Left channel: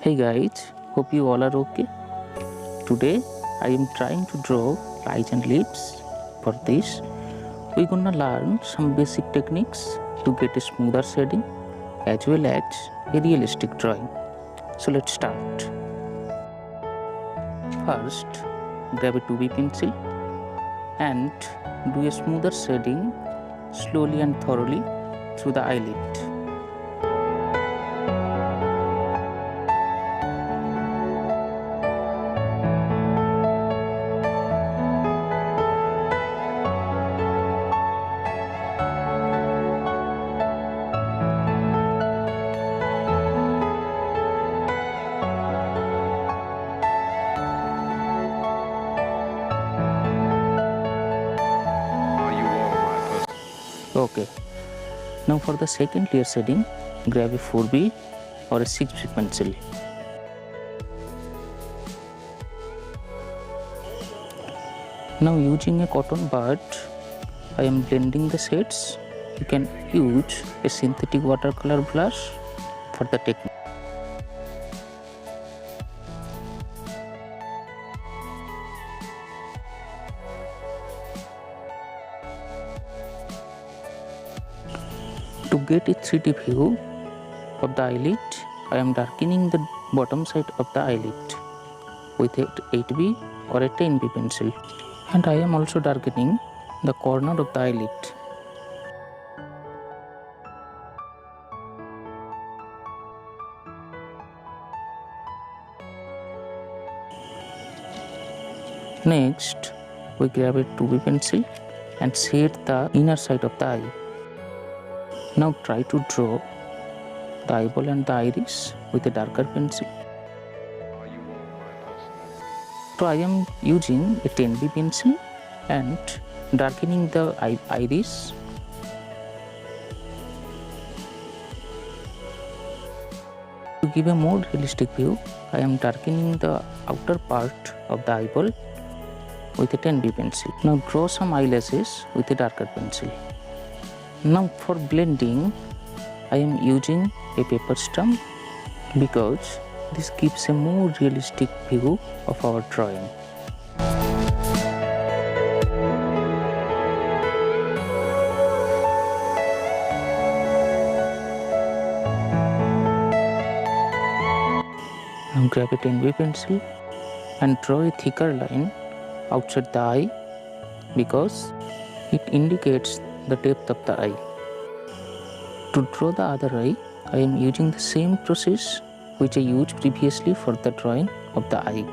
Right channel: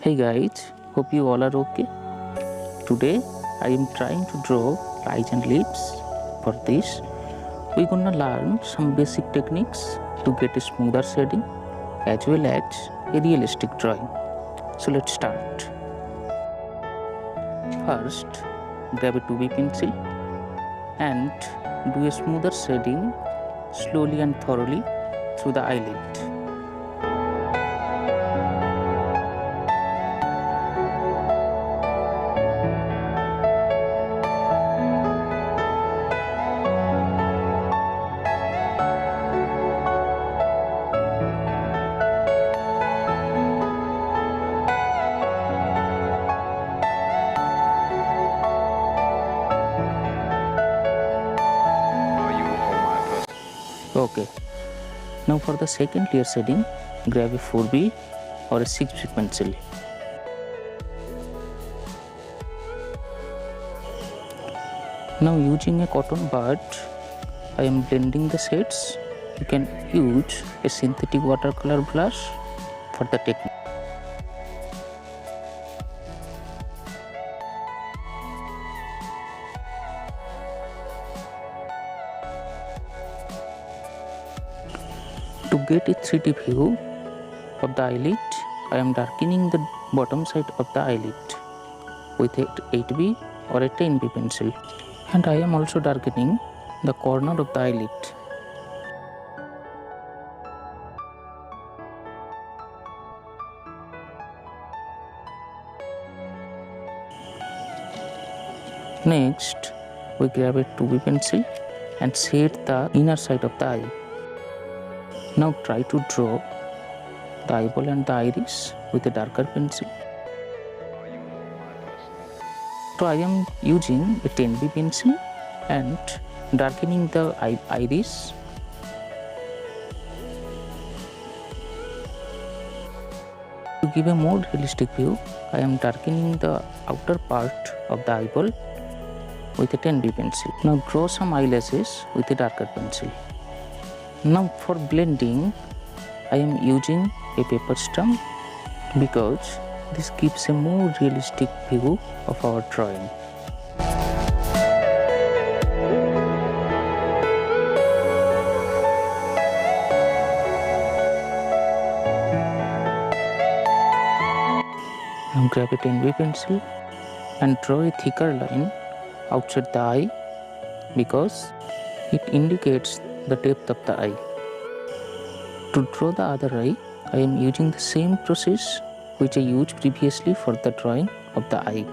Hey guys, hope you all are okay. Today I am trying to draw lights and leaves. For this, we're gonna learn some basic techniques to get a smoother shading as well as a realistic drawing. So let's start. First, grab a 2B pencil and do a smoother shading slowly and thoroughly through the eyelid. Okay, now for the second layer shading, grab a 4B or a 6B pencil. Now using a cotton bud, I am blending the shades. You can use a synthetic watercolor brush for the technique. To get a 3D view of the eyelid, I am darkening the bottom side of the eyelid with a 8B or a 10B pencil, and I am also darkening the corner of the eyelid. Next, we grab a 2B pencil and shade the inner side of the eye. Now try to draw the eyeball and the iris with a darker pencil. So I am using a 10B pencil and darkening the iris. To give a more realistic view, I am darkening the outer part of the eyeball with a 10B pencil. Now draw some eyelashes with a darker pencil. Now for blending, I am using a paper stump because this gives a more realistic view of our drawing. Now grab a 10B pencil and draw a thicker line outside the eye because it indicates the depth of the eye. To draw the other eye, I am using the same process which I used previously for the drawing of the eye.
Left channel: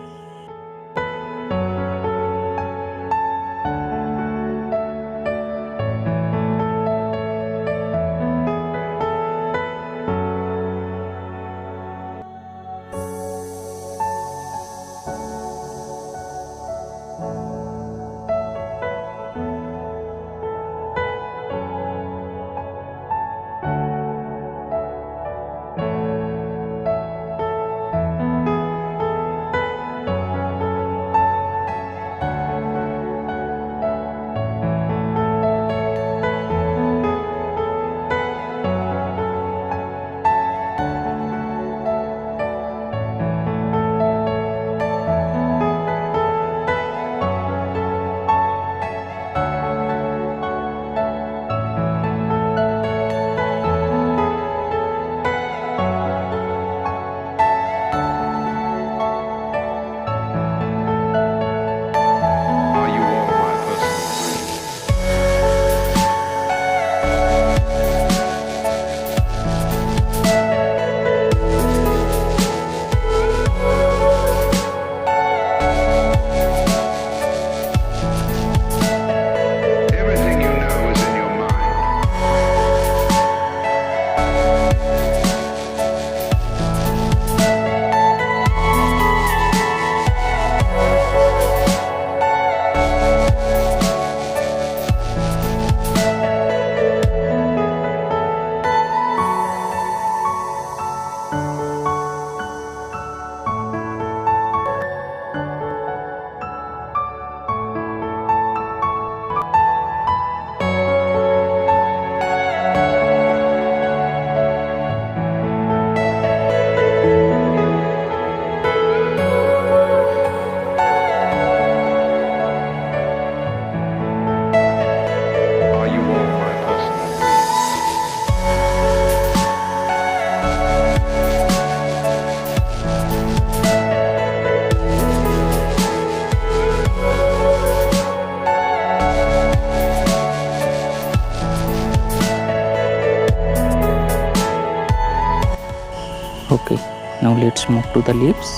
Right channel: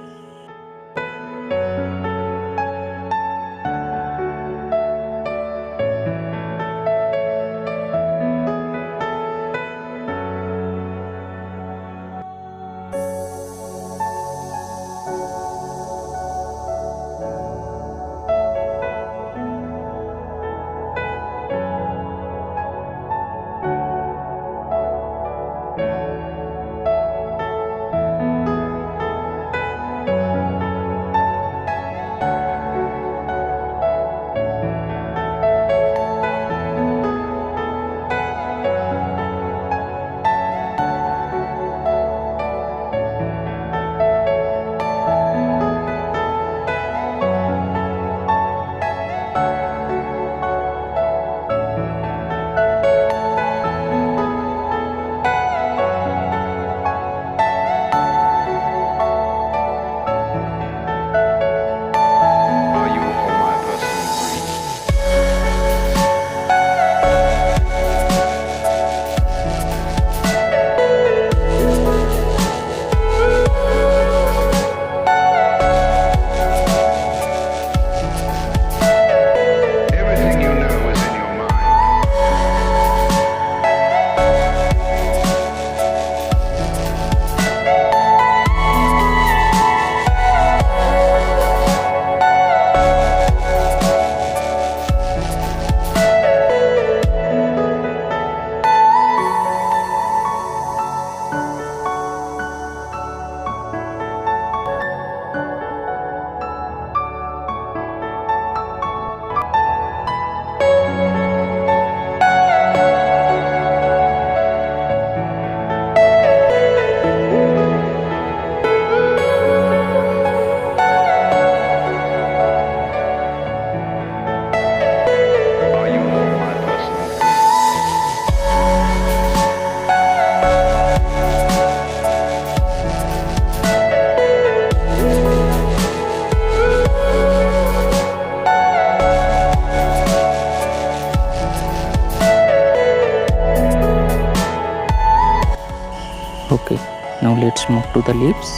Now let's move to the lips.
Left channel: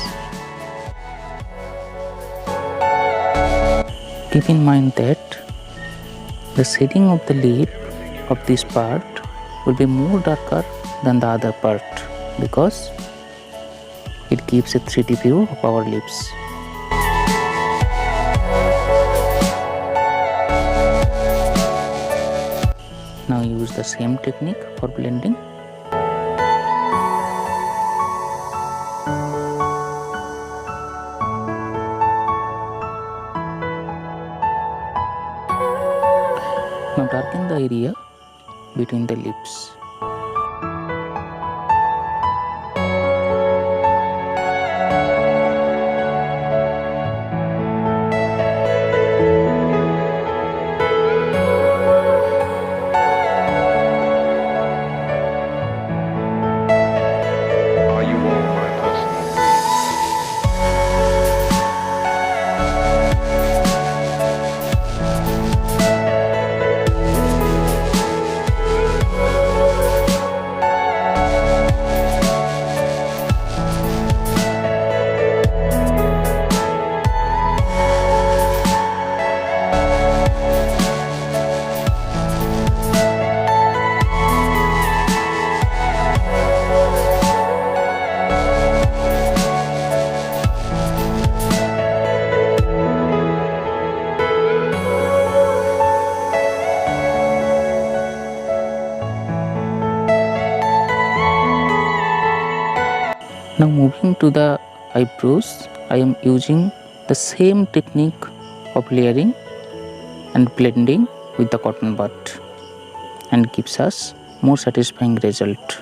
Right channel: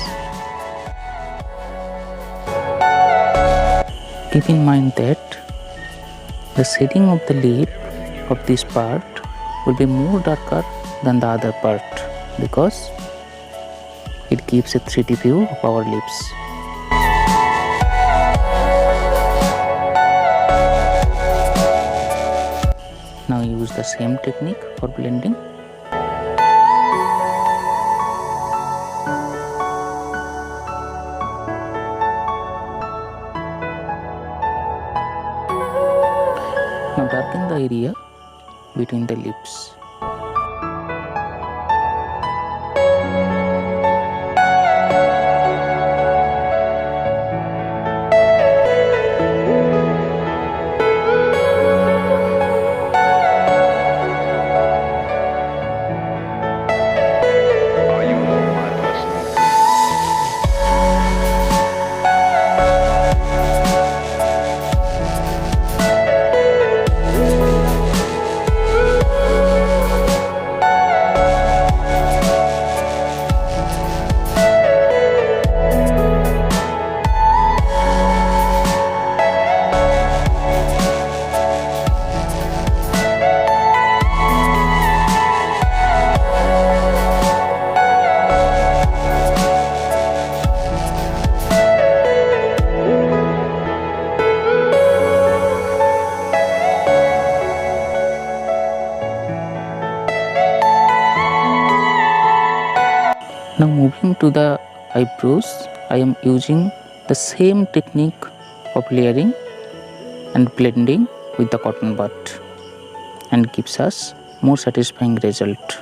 Keep in mind that the shading of the lip of this part will be more darker than the other part because it gives a 3D view of our lips. Now use the same technique for blending. Now darken the area between the lips. Are you all my personal dreams? Now moving to the eyebrows, I am using the same technique of layering and blending with the cotton bud and gives us more satisfying result.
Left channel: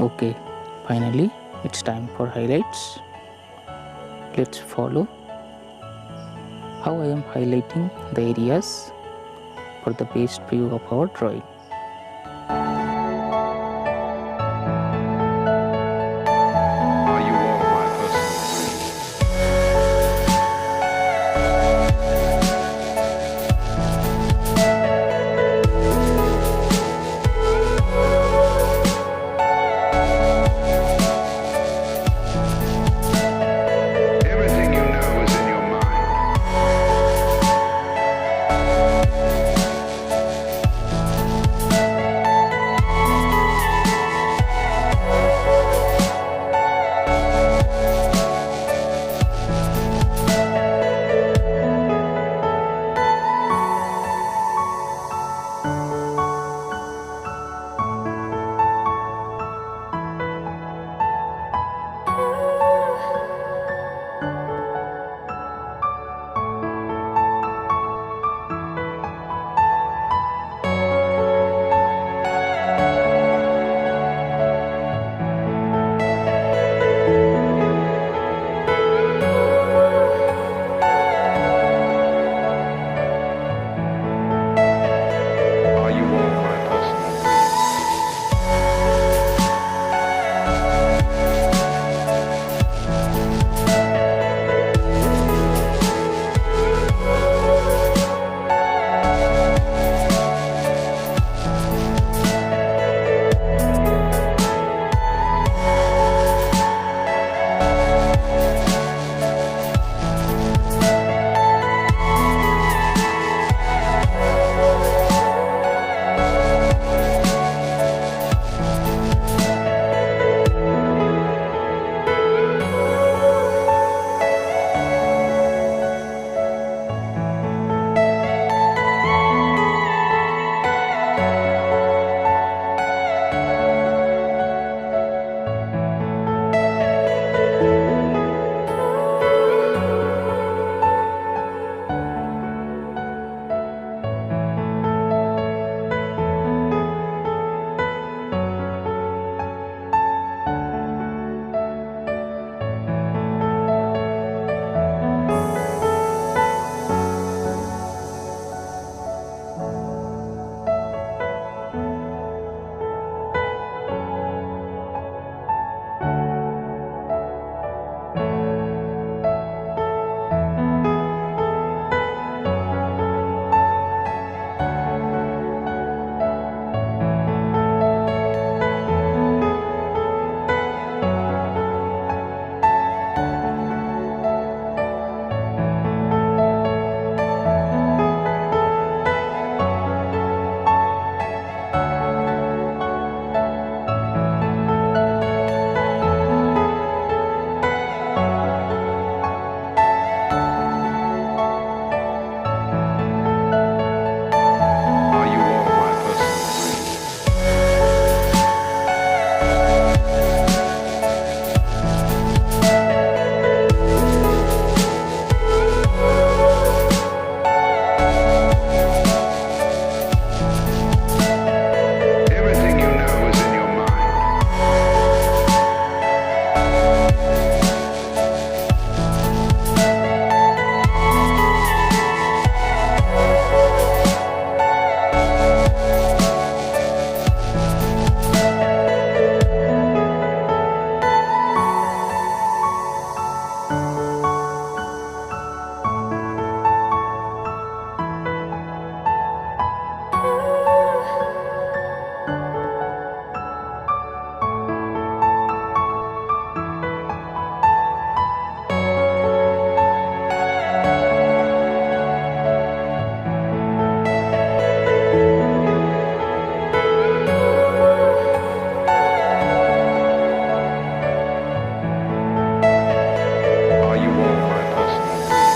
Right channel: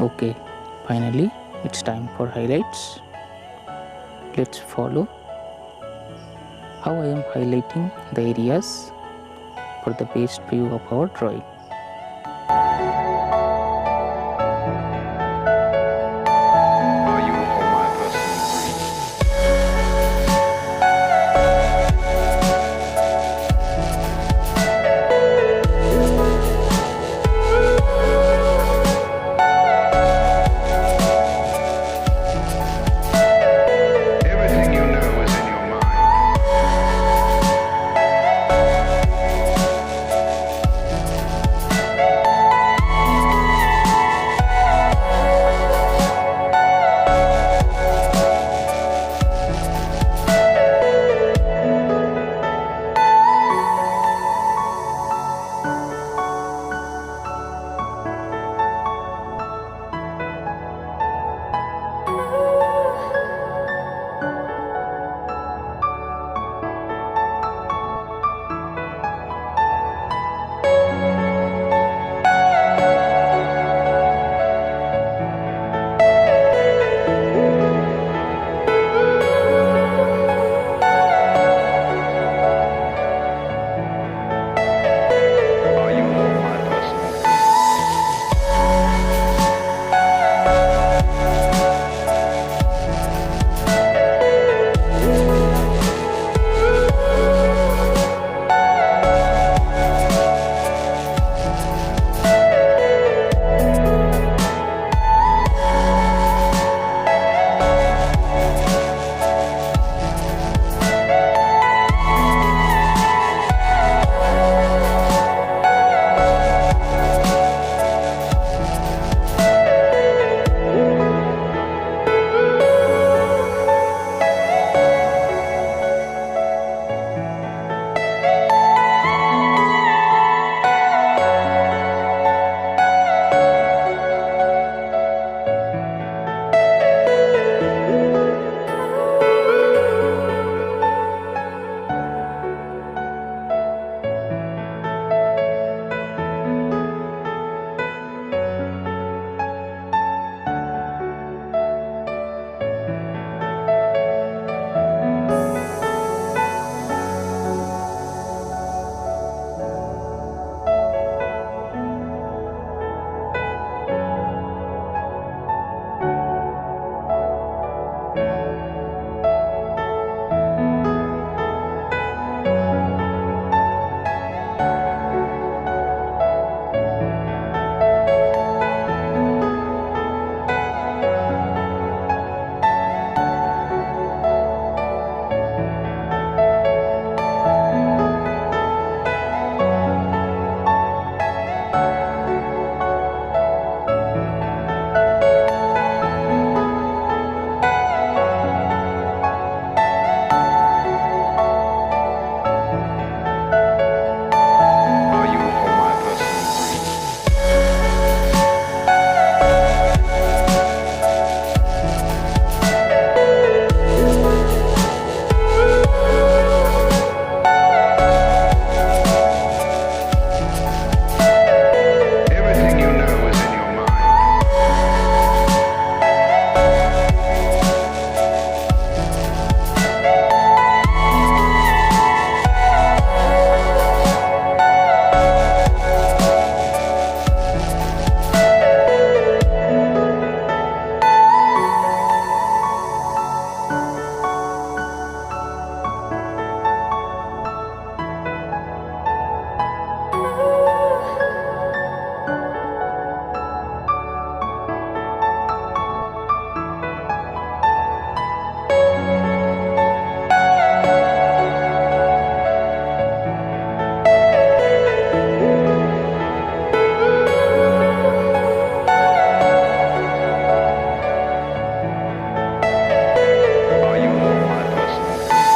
Okay, finally it's time for highlights. Let's follow how I am highlighting the areas for the best view of our drawing. Are you all my personal dreams? Everything you know is in your mind. you all my personal dreams?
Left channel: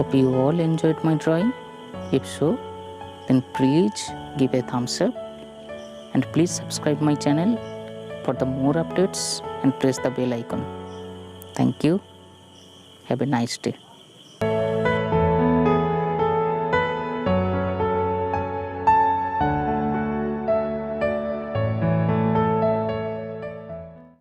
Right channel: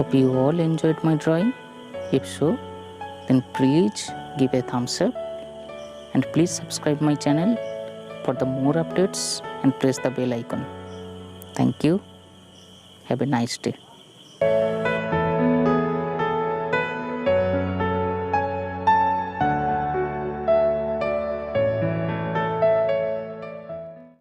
Hope you all enjoyed my drawing. If so, then please give a thumbs up and please subscribe my channel for the more updates and press the bell icon. Thank you. Have a nice day.